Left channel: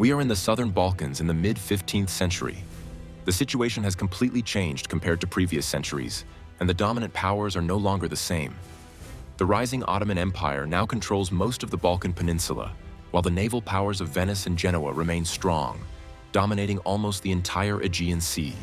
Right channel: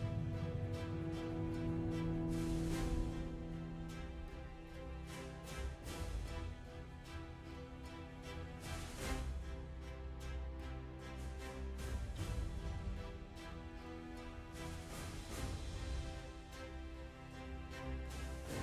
We are in the southern Balkans in the mid-15th century. The situation has completely changed compared to previous centuries, and the dominant powers are no longer the same. The rising Ottoman Empire now controls most of the Balkan Peninsula, while the naval powers of Venice and Genoa remain strong, dominating almost the entire Aegean Sea.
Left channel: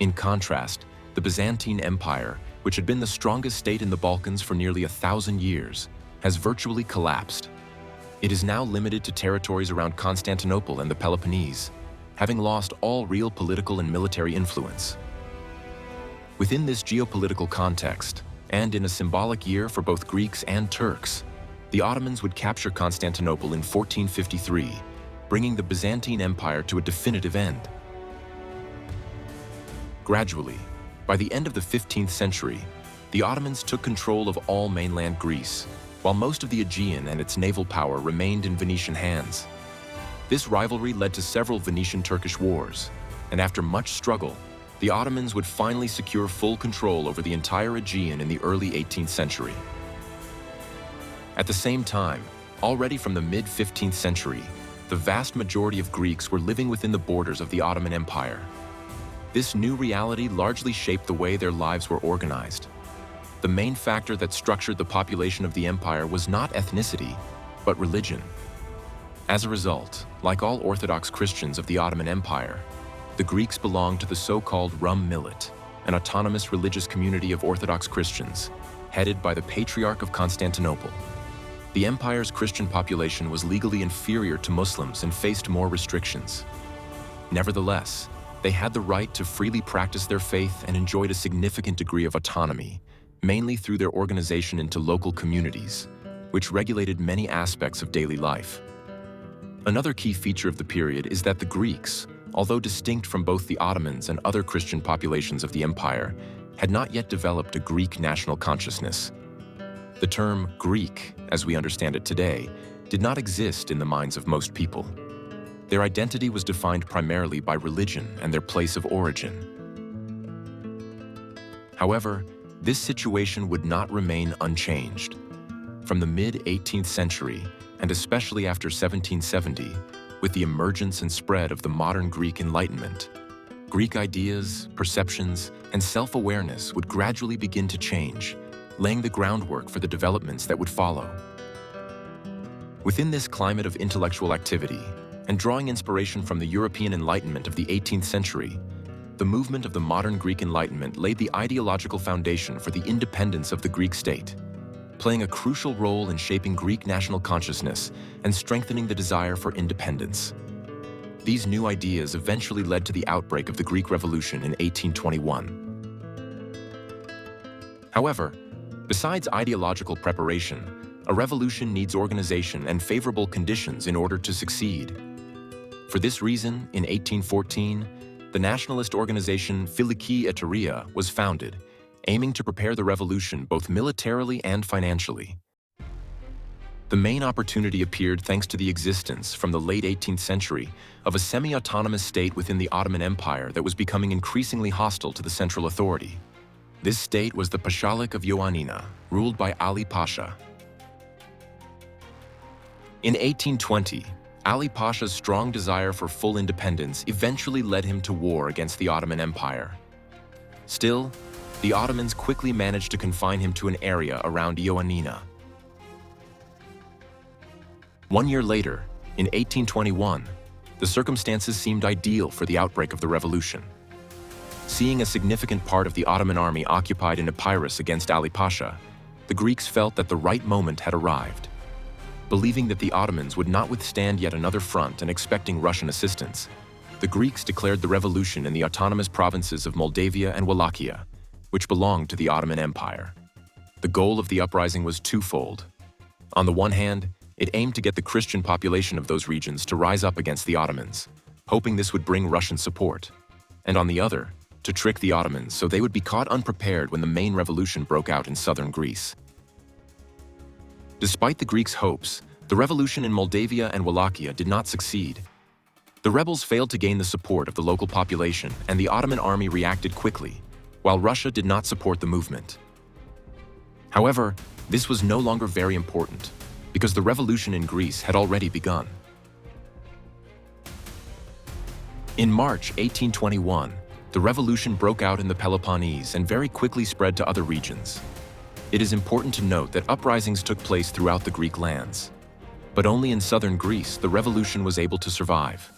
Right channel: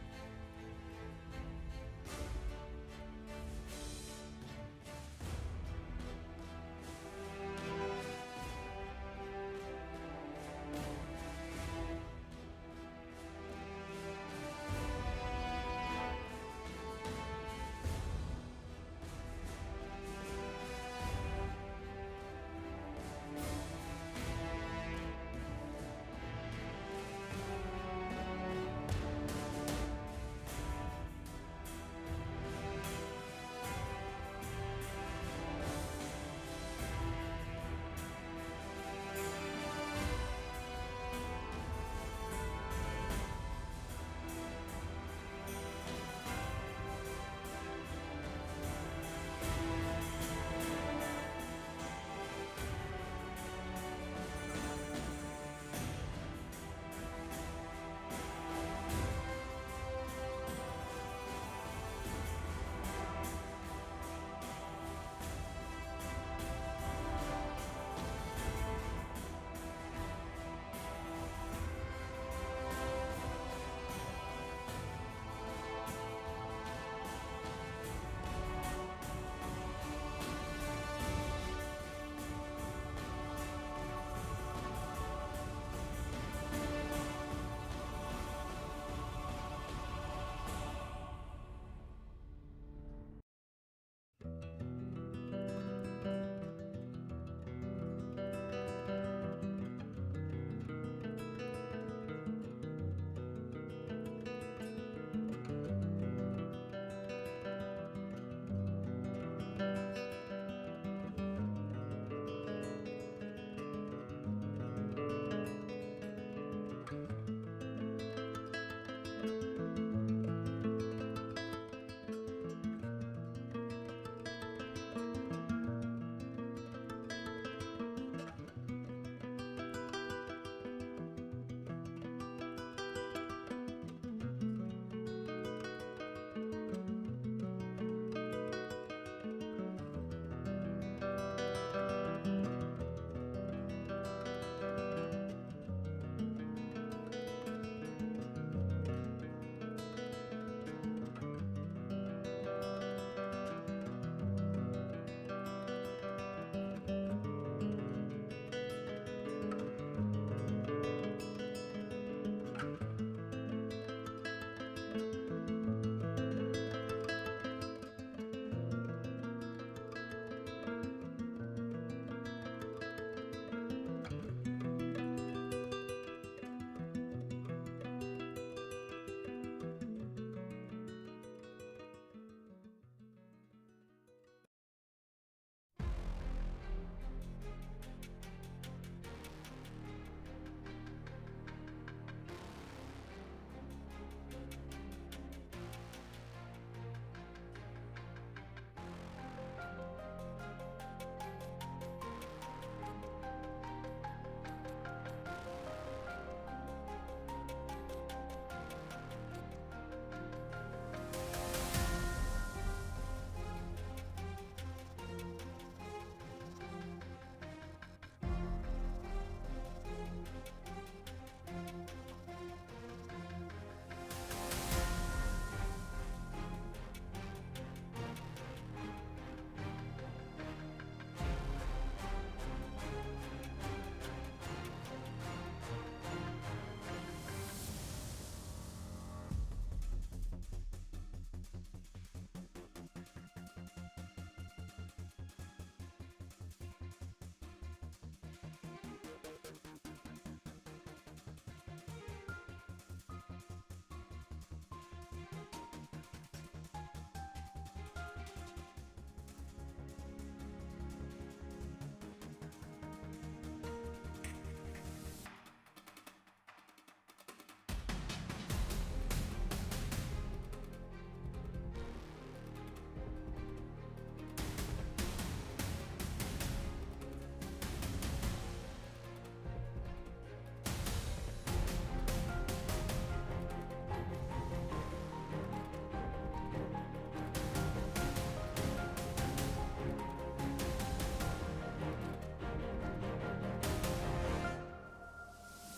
In contrast, the Byzantine Empire, which had been the strongest state in the Balkans for nearly 1,000 years, has virtually collapsed. It is now limited to territories around Constantinople and the Peloponnese, having lost all real political and military influence. Within this geopolitical context, and in a symbolic year for both Greeks and Turks, the Ottomans would capture Constantinople in 1453, bringing the Byzantine Empire to a definitive end. Gradually, by the end of the 15th century, the Ottomans took control of all mainland Greece, while most of the Aegean and its naval power remained in Venetian hands. This rivalry led to several Venetian-Turkish wars, and after much struggle, the Ottomans would finally secure full control over the entire Aegean in the early 18th century. At the same time, already from the mid-15th century, the vast majority of Greeks were living within the borders of the Ottoman Empire. This new reality largely shaped the way their lives were organized. The main factor that structured the population of the empire was not ethnicity, but religion. As a result, like all Orthodox Christians of the Ottoman Empire, the Greeks belonged to the so-called Rum Millet, an autonomous religious community of Orthodox Christians, headed by the Patriarch of Constantinople. The empire's Christian population was legally inferior to Muslims and faced more restrictions. Nevertheless, they had the right to freely practice their faith and enjoyed a significant degree of autonomy, mainly through their organization into local communities, which regulated many aspects of daily life. Another key feature of the period is that the Greeks, although distinct from both the Ottomans and other Christian populations of the empire, had not yet developed a Greek national consciousness. The term Greek, as we understand it today, did not exist in the minds of most people. Their identity was defined primarily by religion and their place of origin. However, this situation would not remain unchanged. From the mid-18th century, and especially after 1770, with the emergence and spread of the modern Greek Enlightenment, Greek ideas, perceptions, and self-awareness would gradually begin to change, laying the groundwork for the developments that would follow. Within this climate of intellectual activity, and drawing inspiration from the European Enlightenment of the 18th century, the movement of the modern Greek Enlightenment laid the ideological foundation for the independence of the Greek state, playing a crucial role in shaping Greek national consciousness and strengthening the desire for independence. These new ideas eventually led to the outbreak of the Greek Revolution in 1821. However, besides ideological preparation, a revolution needs organization and favorable conditions in order to succeed. For this reason, in 1814, the nationalist organization Megali Idea was founded, aiming to prepare the revolution both militarily and financially. The main opportunity appeared thanks to the existence, from the late 18th century, of a semi-autonomous state within the Ottoman Empire that was becoming increasingly hostile to the central authority. This state was the Pashalik of Ioannina, ruled by Ali Pasha. In 1820, Ali Pasha's strong desire for full independence eventually led him to war against the Ottoman Empire. Still, the Ottomans quickly managed to confine him to an area around Ioannina. 1 year later, in 1821, the circumstances seemed ideal for the outbreak of the revolution. Seeing a significant part of the Ottoman army occupied in Epirus against Ali Pasha, the Greeks felt that the right moment had arrived. Believing that the Ottomans would not withstand yet another front and expecting Russian assistance, the Greeks declared the revolution in the autonomous provinces of Moldavia and Wallachia, which belonged to the Ottoman Empire. The goal of the uprising was twofold. On the one hand, it aimed to get the Christian population of those regions to rise up against the Ottomans, hoping this would bring Russian support, and on the other, to trick the Ottomans so they would be caught unprepared when the main revolution broke out in southern Greece. Despite the Greeks' hopes, the revolution in Moldavia and Wallachia did not succeed. The rebels failed to gain the support of the local population, and the Ottoman army reacted quickly, while Russia did not support the movement. However, this was no longer very important, because the revolution in Greece had already begun. In March 1821, the revolution broke out in the Peloponnese and very quickly spread to other regions. It is important to note that uprisings took place throughout the Greek lands. But only in southern Greece the revolution was able to survive.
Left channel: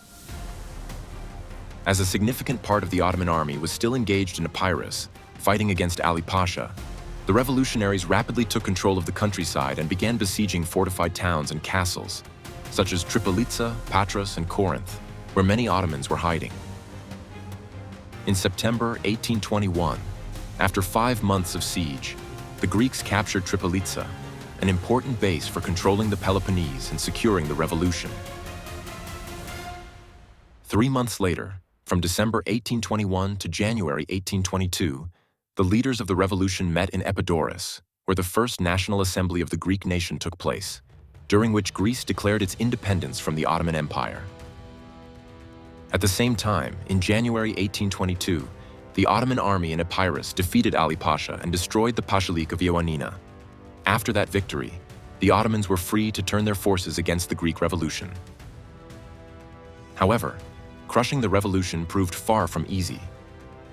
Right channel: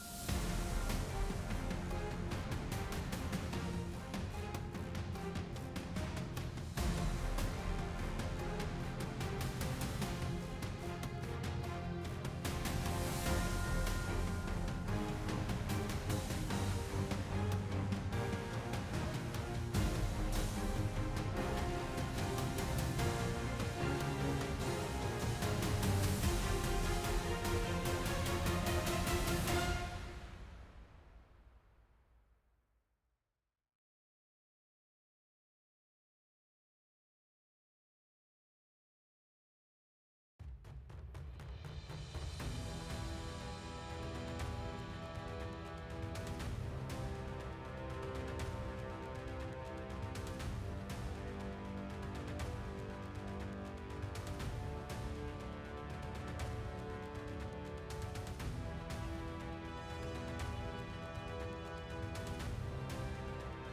As a significant part of the Ottoman army was still engaged in Epirus, fighting against Ali Pasha, the revolutionaries rapidly took control of the countryside and began besieging fortified towns and castles, such as Tripolitsa, Patras, and Corinth, where many Ottomans were hiding. In September 1821, after 5 months of siege, the Greeks captured Tripolitsa, an important base for controlling the Peloponnese and securing the revolution. 3 months later, from December 1821 to January 1822, the leaders of the revolution met in Epidaurus, where the first National Assembly of the Greek nation took place, during which Greece declared its independence from the Ottoman Empire. At the same time, in January 1822, the Ottoman army in Epirus defeated Ali Pasha and destroyed the Pashalik of Ioannina. After that victory, the Ottomans were free to turn their forces against the Greek Revolution. However, crushing the revolution proved far from easy.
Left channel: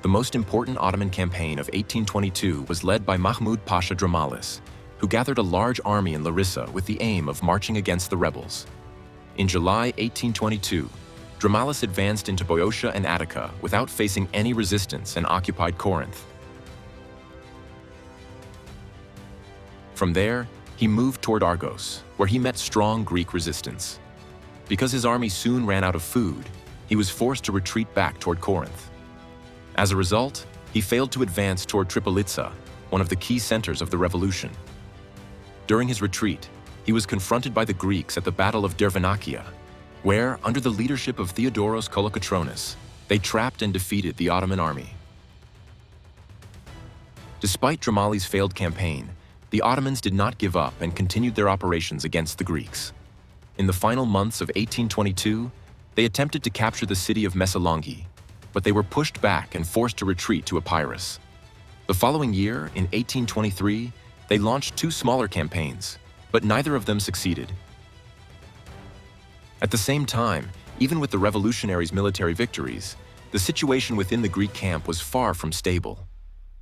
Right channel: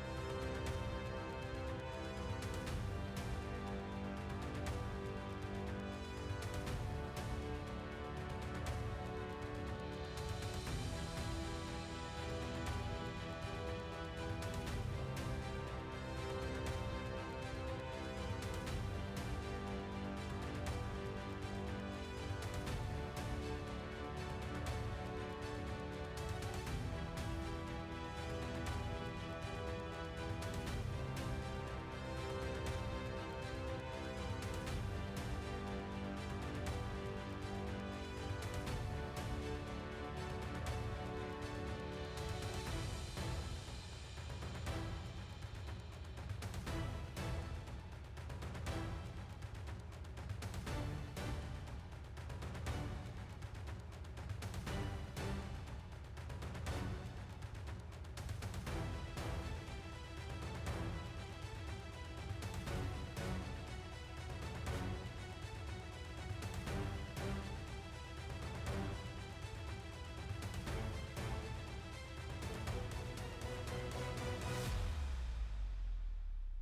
The most important Ottoman campaign of 1822 was led by Mahmud Pasha Dramalis, who gathered a large army in Larissa with the aim of marching against the rebels. In July 1822, Dramalis advanced into Boeotia and Attica without facing any resistance and occupied Corinth. From there, he moved toward Argos, where he met strong Greek resistance. Because his army soon ran out of food, he was forced to retreat back toward Corinth. As a result, he failed to advance toward Tripolitsa, one of the key centers of the revolution. During his retreat, he was confronted by the Greeks at the Battle of Dervenakia, where, under the leadership of Theodoros Kolokotronis, they trapped and defeated the Ottoman army. Despite Dramalis' failed campaign, the Ottomans did not give up and continued their operations against the Greeks. In the final months of 1822, they attempted to capture the city of Messalonki, but they were pushed back and forced to retreat to Epirus. The following year, in 1823, they launched 2 smaller campaigns, but neither of them succeeded. At the same time, even with the revolutionaries' military victories, the situation within the Greek camp was far from stable.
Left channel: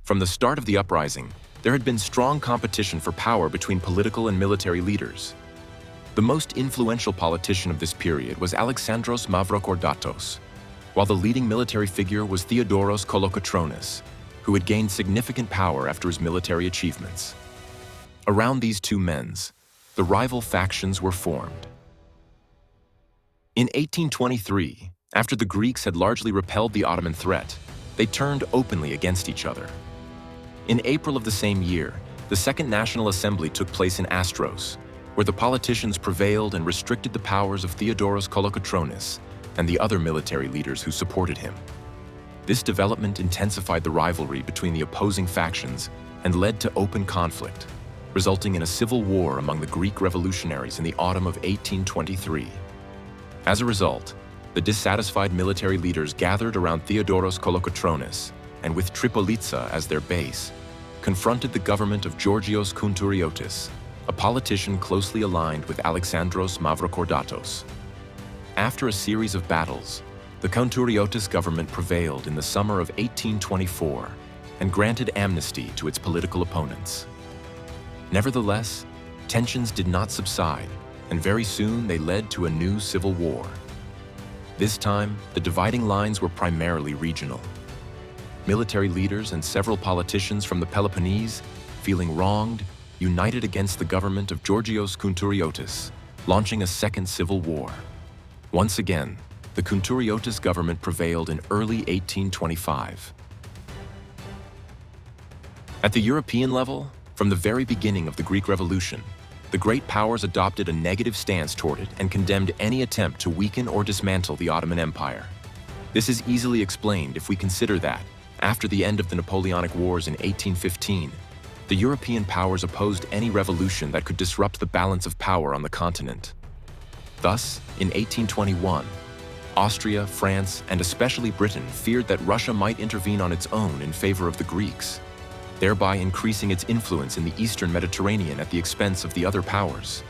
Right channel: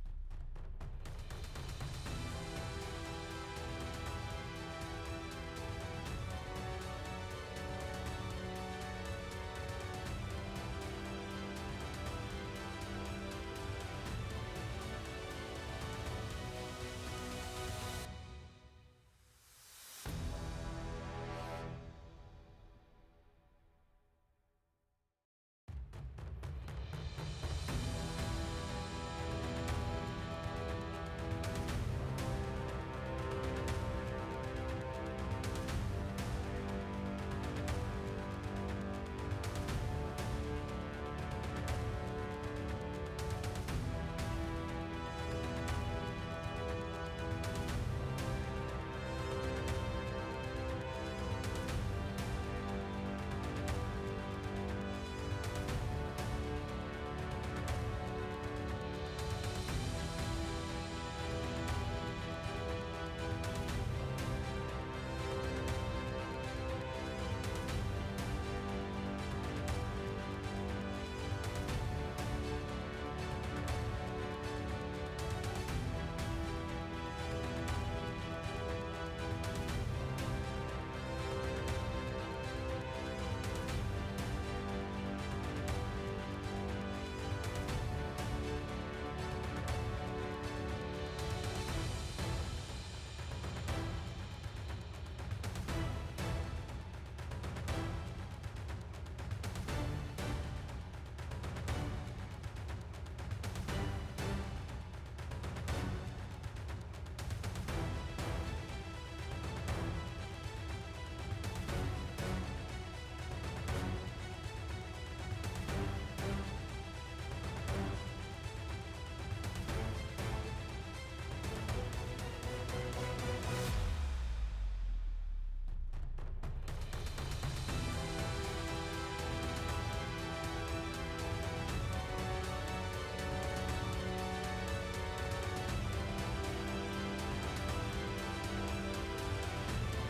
From the start of the uprising, there had been strong competition for power between political and military leaders. The most influential politician of this period was Alexandros Mavrokordatos, while the leading military figure was Theodoros Kolokotronis, who had gained significant power after his military achievements. Around these two men, the rival factions were formed. In 1823, after the Greeks had largely repelled the Ottoman threat, they turned openly against each other. In April of the same year, the Second National Assembly took place in Astros, where the politicians prevailed and restricted the powers of Theodoros Kolokotronis and the other military leaders who supported him. This development intensified the rivalry between the opposing factions and led to open conflict, resulting in a civil war among the Greek revolutionaries in the autumn of 1823. As a result, the dissatisfied military leaders gathered around Theodoros Kolokotronis and, with Tripolitsa as their base, confronted the government of Georgios Kountouriotis, a politician closely aligned with Alexandros Mavrokordatos. After a series of battles, the Kountouriotis government prevailed in the summer of 1824 and granted amnesty to its political opponents. Nevertheless, tensions did not subside, and very soon they led to a new civil war. This time, the dividing lines were primarily regional. Military leaders and several politicians from the Peloponnese, feeling wronged, united against the government of Georgios Kountouriotis, launching a second civil war. Once again, the Kountouriotis government prevailed in early 1825. At the European level, from the very beginning of the Greek Revolution, the great powers adopted a negative stance toward it and condemned any attempt to weaken or dismantle the Ottoman Empire. This is easily explained if we consider that, after the end of the Napoleonic Wars in 1815, the European powers opposed any revolution that could disrupt the balance of power on the continent. Thus, in 1821, Austria, France, and especially Britain feared that Russia might intervene on its own in favor of the Greeks, thereby increasing its influence in the Eastern Mediterranean at the expense of the other powers.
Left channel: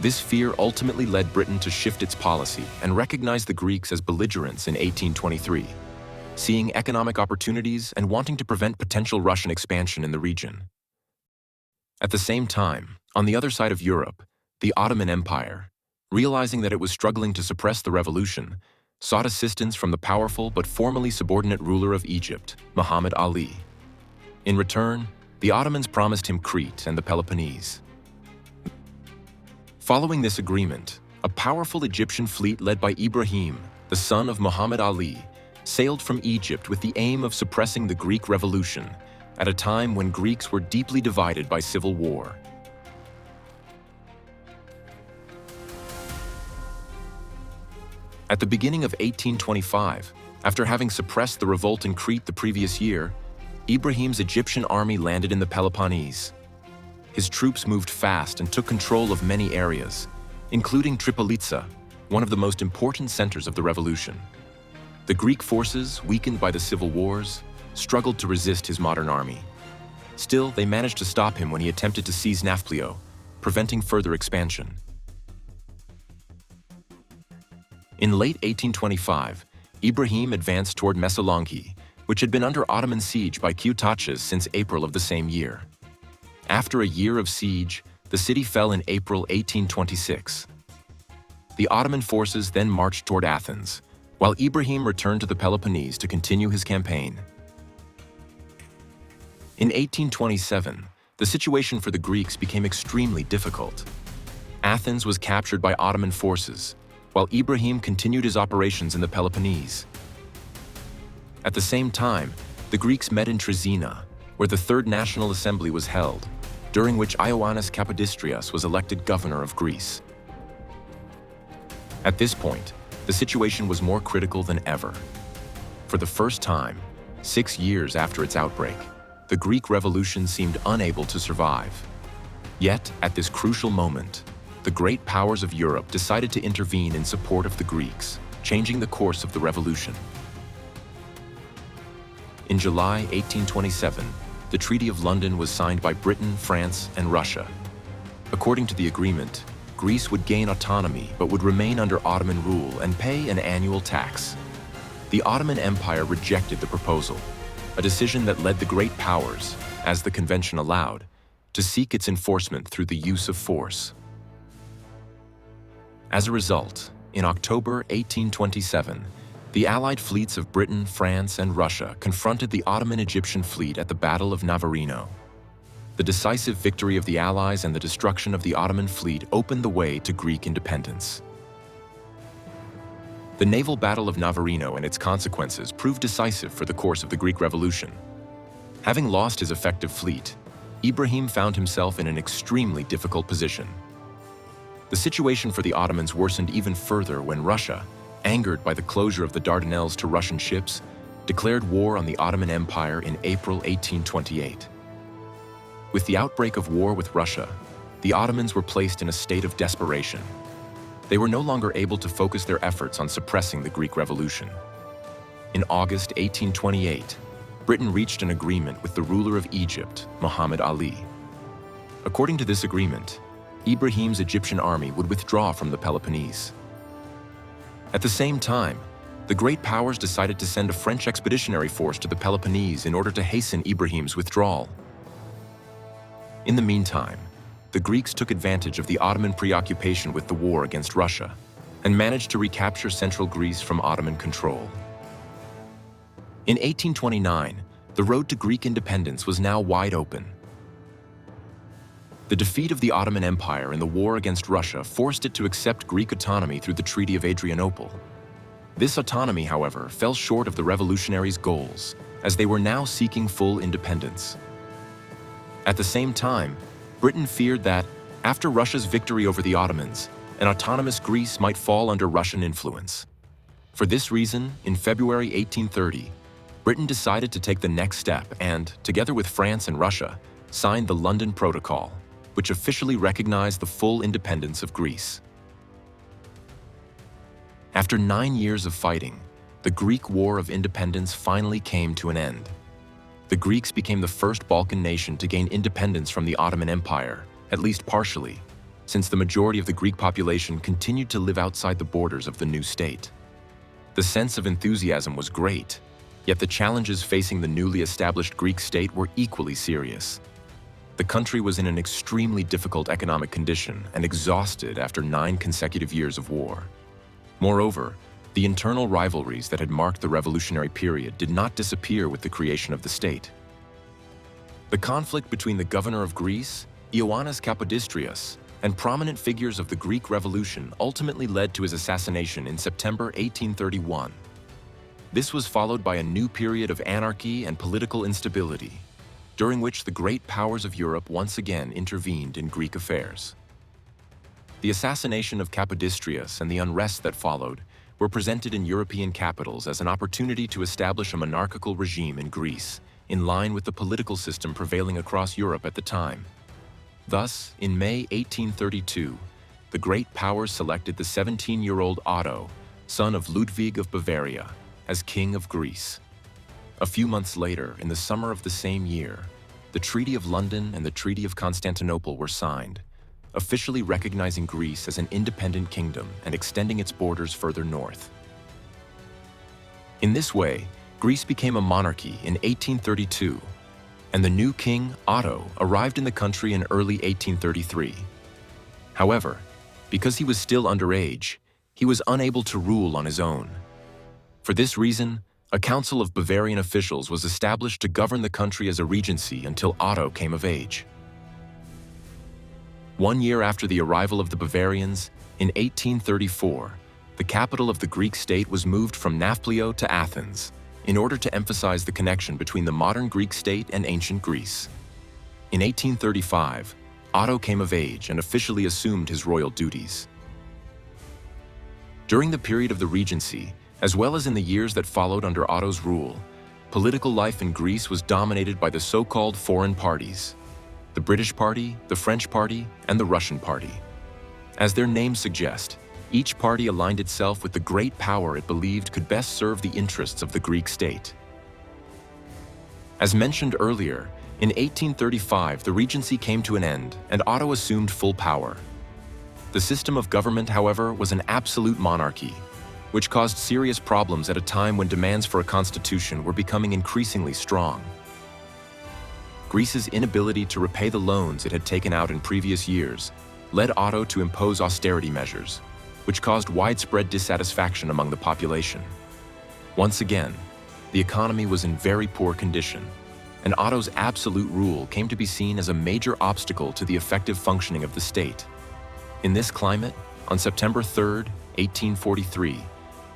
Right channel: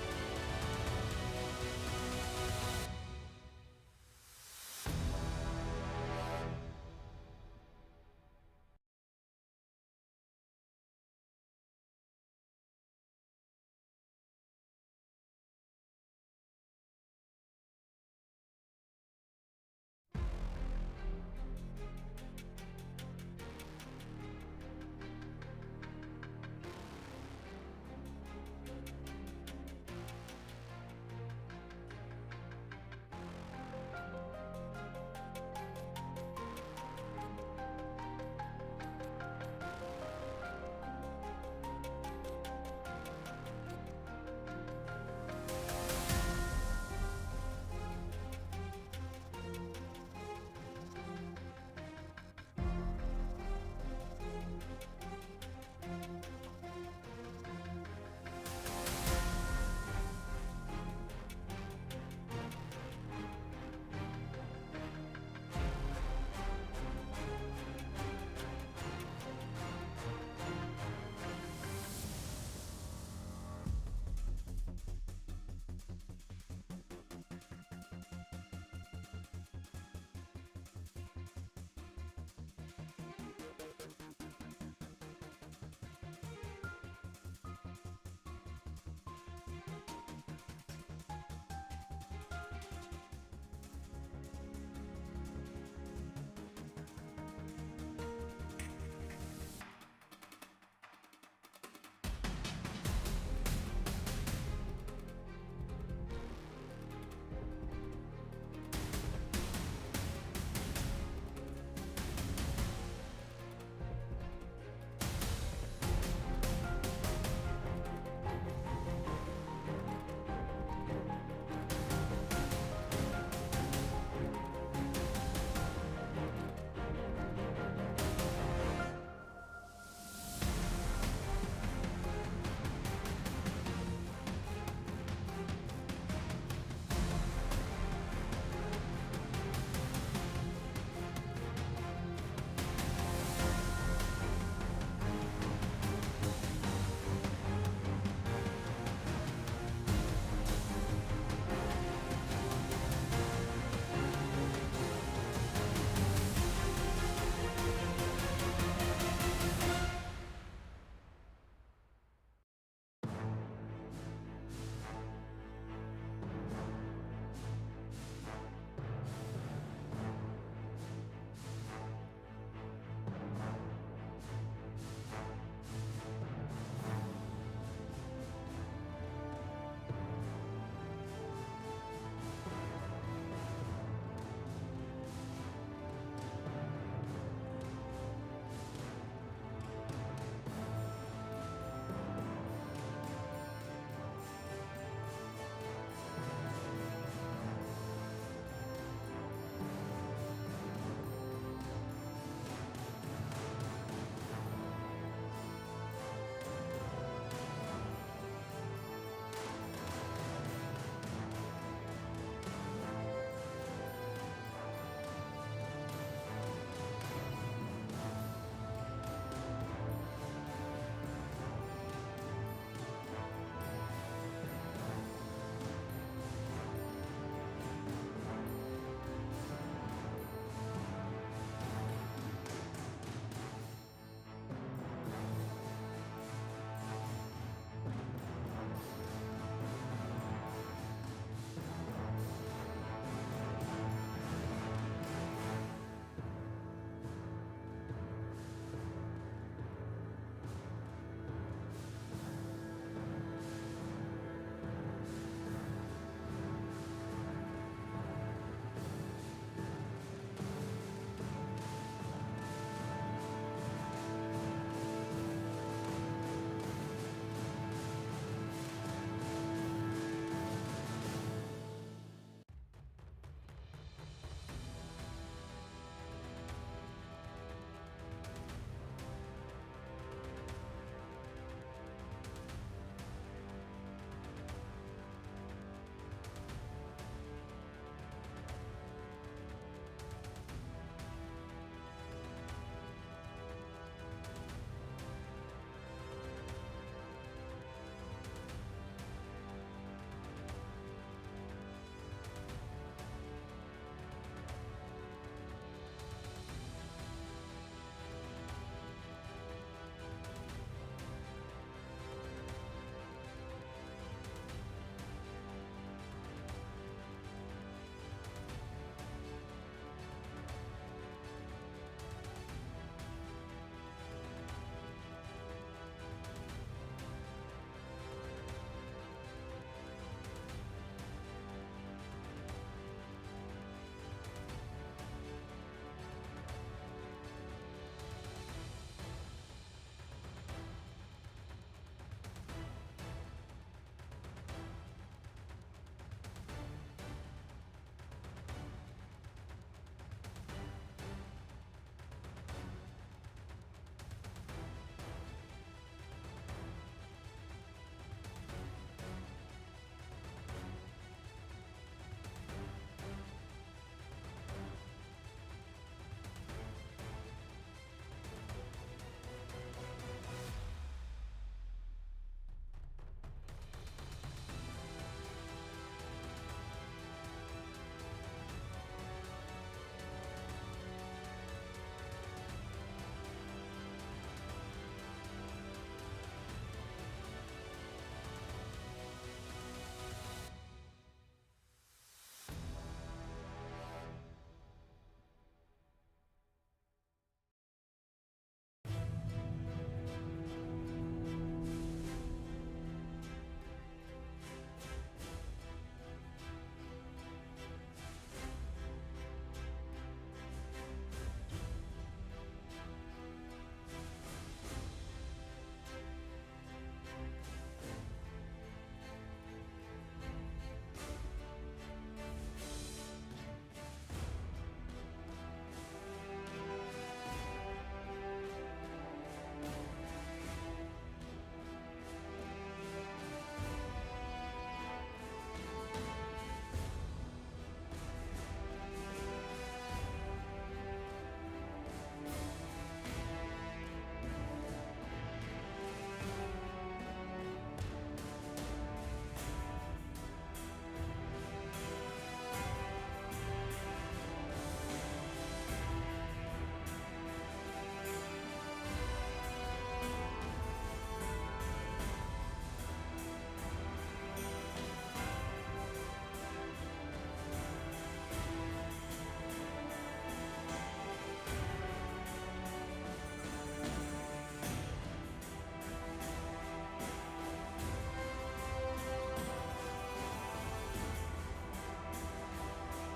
This fear ultimately led Britain to shift its policy and recognize the Greeks as belligerents in 1823, seeing economic opportunities and wanting to prevent potential Russian expansion in the region. At the same time, on the other side of Europe, the Ottoman Empire, realizing that it was struggling to suppress the revolution, sought assistance from the powerful but formally subordinate ruler of Egypt, Muhammad Ali. In return, the Ottomans promised him Crete and the Peloponnese. Following this agreement, a powerful Egyptian fleet led by Ibrahim, the son of Muhammad Ali, sailed from Egypt with the aim of suppressing the Greek Revolution at a time when Greeks were deeply divided by civil war. At the beginning of 1825, after having suppressed the revolt in Crete the previous year, Ibrahim's Egyptian army landed in the Peloponnese. His troops moved fast and took control of many areas, including Tripolitsa, one of the most important centers of the revolution. The Greek forces, weakened by the civil wars, struggled to resist his modern army. Still, they managed to stop him when he attempted to seize Nafplio, preventing further expansion. In late 1825, Ibrahim advanced toward Messalonki, which had been under Ottoman siege by Q-Tachas since April of the same year. After a year of siege, the city fell in April 1826. The Ottoman forces then marched toward Athens, while Ibrahim returned to the Peloponnese to continue his campaign. In 1827, the situation for the Greeks became extremely difficult. Athens was captured by Ottoman forces, while Ibrahim continued his operations in the Peloponnese. At the same time, the Greeks met in Trezina, where the Third National Assembly was held, during which Ioannis Kapodistrias was elected governor of Greece. At this point, the situation was more critical than ever. For the first time, 6 years after its outbreak, the Greek Revolution seemed unable to survive. Yet, at this crucial moment, the great powers of Europe decided to intervene in support of the Greeks, changing the course of the revolution. In July 1827, the Treaty of London was signed by Britain, France, and Russia. According to the agreement, Greece would gain autonomy but would remain under Ottoman rule and pay an annual tax. The Ottoman Empire rejected the proposal, a decision that led the great powers, as the convention allowed, to seek its enforcement through the use of force. As a result, in October 1827, the Allied fleets of Britain, France, and Russia confronted the Ottoman Egyptian fleet at the Battle of Navarino. The decisive victory of the Allies and the destruction of the Ottoman fleet opened the way to Greek independence. The naval Battle of Navarino and its consequences proved decisive for the course of the Greek Revolution. Having lost his effective fleet, Ibrahim found himself in an extremely difficult position. The situation for the Ottomans worsened even further when Russia, angered by the closure of the Dardanelles to Russian ships, declared war on the Ottoman Empire in April 1828. With the outbreak of war with Russia, the Ottomans were placed in a state of desperation. They were no longer able to focus their efforts on suppressing the Greek Revolution. In August 1828, Britain reached an agreement with the ruler of Egypt, Muhammad Ali. According to this agreement, Ibrahim's Egyptian army would withdraw from the Peloponnese. At the same time, the great powers decided to send a French expeditionary force to the Peloponnese in order to hasten Ibrahim's withdrawal. In the meantime, the Greeks took advantage of the Ottoman preoccupation with the war against Russia and managed to recapture central Greece from Ottoman control. In 1829, the road to Greek independence was now wide open. The defeat of the Ottoman Empire in the war against Russia forced it to accept Greek autonomy through the Treaty of Adrianople. This autonomy, however, fell short of the revolutionaries' goals, as they were now seeking full independence. At the same time, Britain feared that, after Russia's victory over the Ottomans, an autonomous Greece might fall under Russian influence. For this reason, in February 1830, Britain decided to take the next step and, together with France and Russia, signed the London Protocol, which officially recognized the full independence of Greece. After 9 years of fighting, the Greek War of Independence finally came to an end. The Greeks became the first Balkan nation to gain independence from the Ottoman Empire, at least partially, since the majority of the Greek population continued to live outside the borders of the new state. The sense of enthusiasm was great, yet the challenges facing the newly established Greek state were equally serious. The country was in an extremely difficult economic condition and exhausted after 9 consecutive years of war. Moreover, the internal rivalries that had marked the revolutionary period did not disappear with the creation of the state. The conflict between the governor of Greece, Ioannis Kapodistrias, and prominent figures of the Greek Revolution ultimately led to his assassination in September 1831. This was followed by a new period of anarchy and political instability, during which the great powers of Europe once again intervened in Greek affairs. The assassination of Kapodistrias and the unrest that followed were presented in European capitals as an opportunity to establish a monarchical regime in Greece, in line with the political system prevailing across Europe at the time. Thus, in May 1832, the great powers selected the 17-year-old Otto, son of Ludwig of Bavaria, as King of Greece. A few months later, in the summer of the same year, the Treaty of London and the Treaty of Constantinople were signed, officially recognizing Greece as an independent kingdom and extending its borders further north. In this way, Greece became a monarchy in 1832, and the new king, Otto, arrived in the country in early 1833. However, because he was still underage, he was unable to rule on his own. For this reason, a council of Bavarian officials was established to govern the country as a regency until Otto came of age. 1 year after the arrival of the Bavarians, in 1834, the capital of the Greek state was moved from Nafplio to Athens, in order to emphasize the connection between the modern Greek state and ancient Greece. In 1835, Otto came of age and officially assumed his royal duties. During the period of the Regency, as well as in the years that followed under Otto's rule, political life in Greece was dominated by the so-called foreign parties: the British Party, the French Party, and the Russian Party. As their names suggest, each party aligned itself with the great power it believed could best serve the interests of the Greek state. As mentioned earlier, in 1835 the Regency came to an end and Otto assumed full power. The system of government, however, was an absolute monarchy, which caused serious problems at a time when demands for a constitution were becoming increasingly strong. Greece's inability to repay the loans it had taken out in previous years led Otto to impose austerity measures, which caused widespread dissatisfaction among the population. Once again, the economy was in very poor condition, and Otto's absolute rule came to be seen as a major obstacle to the effective functioning of the state. In this climate, on September 3, 1843,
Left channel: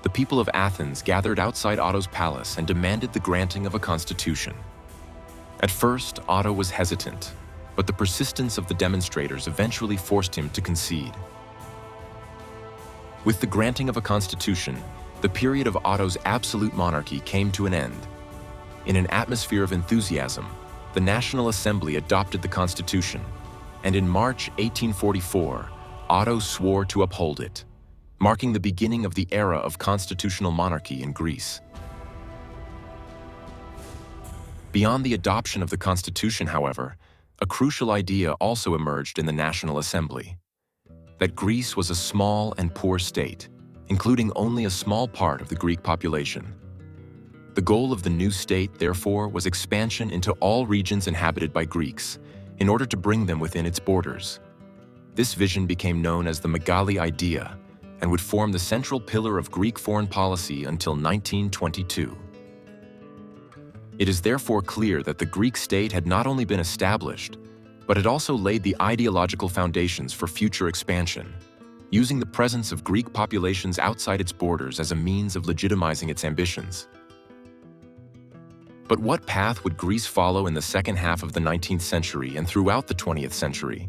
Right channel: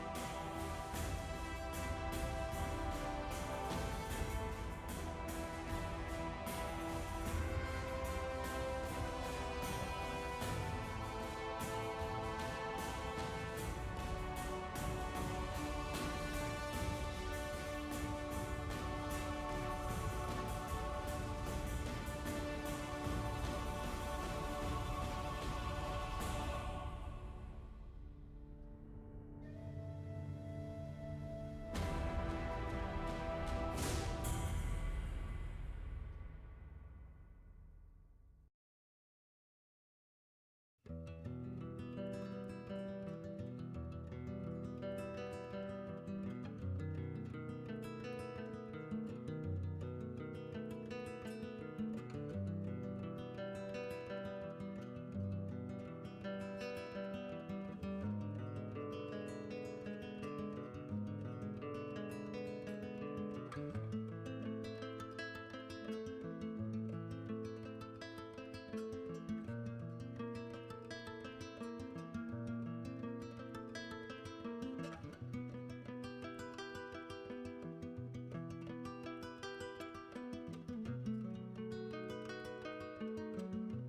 the people of Athens gathered outside Otto's palace and demanded the granting of a constitution. At first, Otto was hesitant, but the persistence of the demonstrators eventually forced him to concede. With the granting of a constitution, the period of Otto's absolute monarchy came to an end. In an atmosphere of enthusiasm, the National Assembly adopted the constitution, and in March 1844, Otto swore to uphold it, marking the beginning of the era of constitutional monarchy in Greece. Beyond the adoption of the constitution, however, a crucial idea also emerged in the National Assembly: that Greece was a small and poor state, including only a small part of the Greek population. The goal of the new state, therefore, was expansion into all regions inhabited by Greeks, in order to bring them within its borders. This vision became known as the Megali Idea, and would form the central pillar of Greek foreign policy until 1922. It is therefore clear that the Greek state had not only been established, but it also laid the ideological foundations for future expansion, using the presence of Greek populations outside its borders as a means of legitimizing its ambitions. But what path would Greece follow in the second half of the 19th century and throughout the 20th century?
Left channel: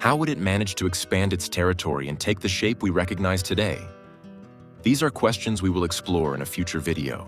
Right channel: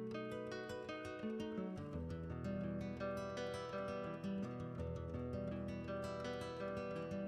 How would it manage to expand its territory and take the shape we recognize today? These are questions we will explore in a future video.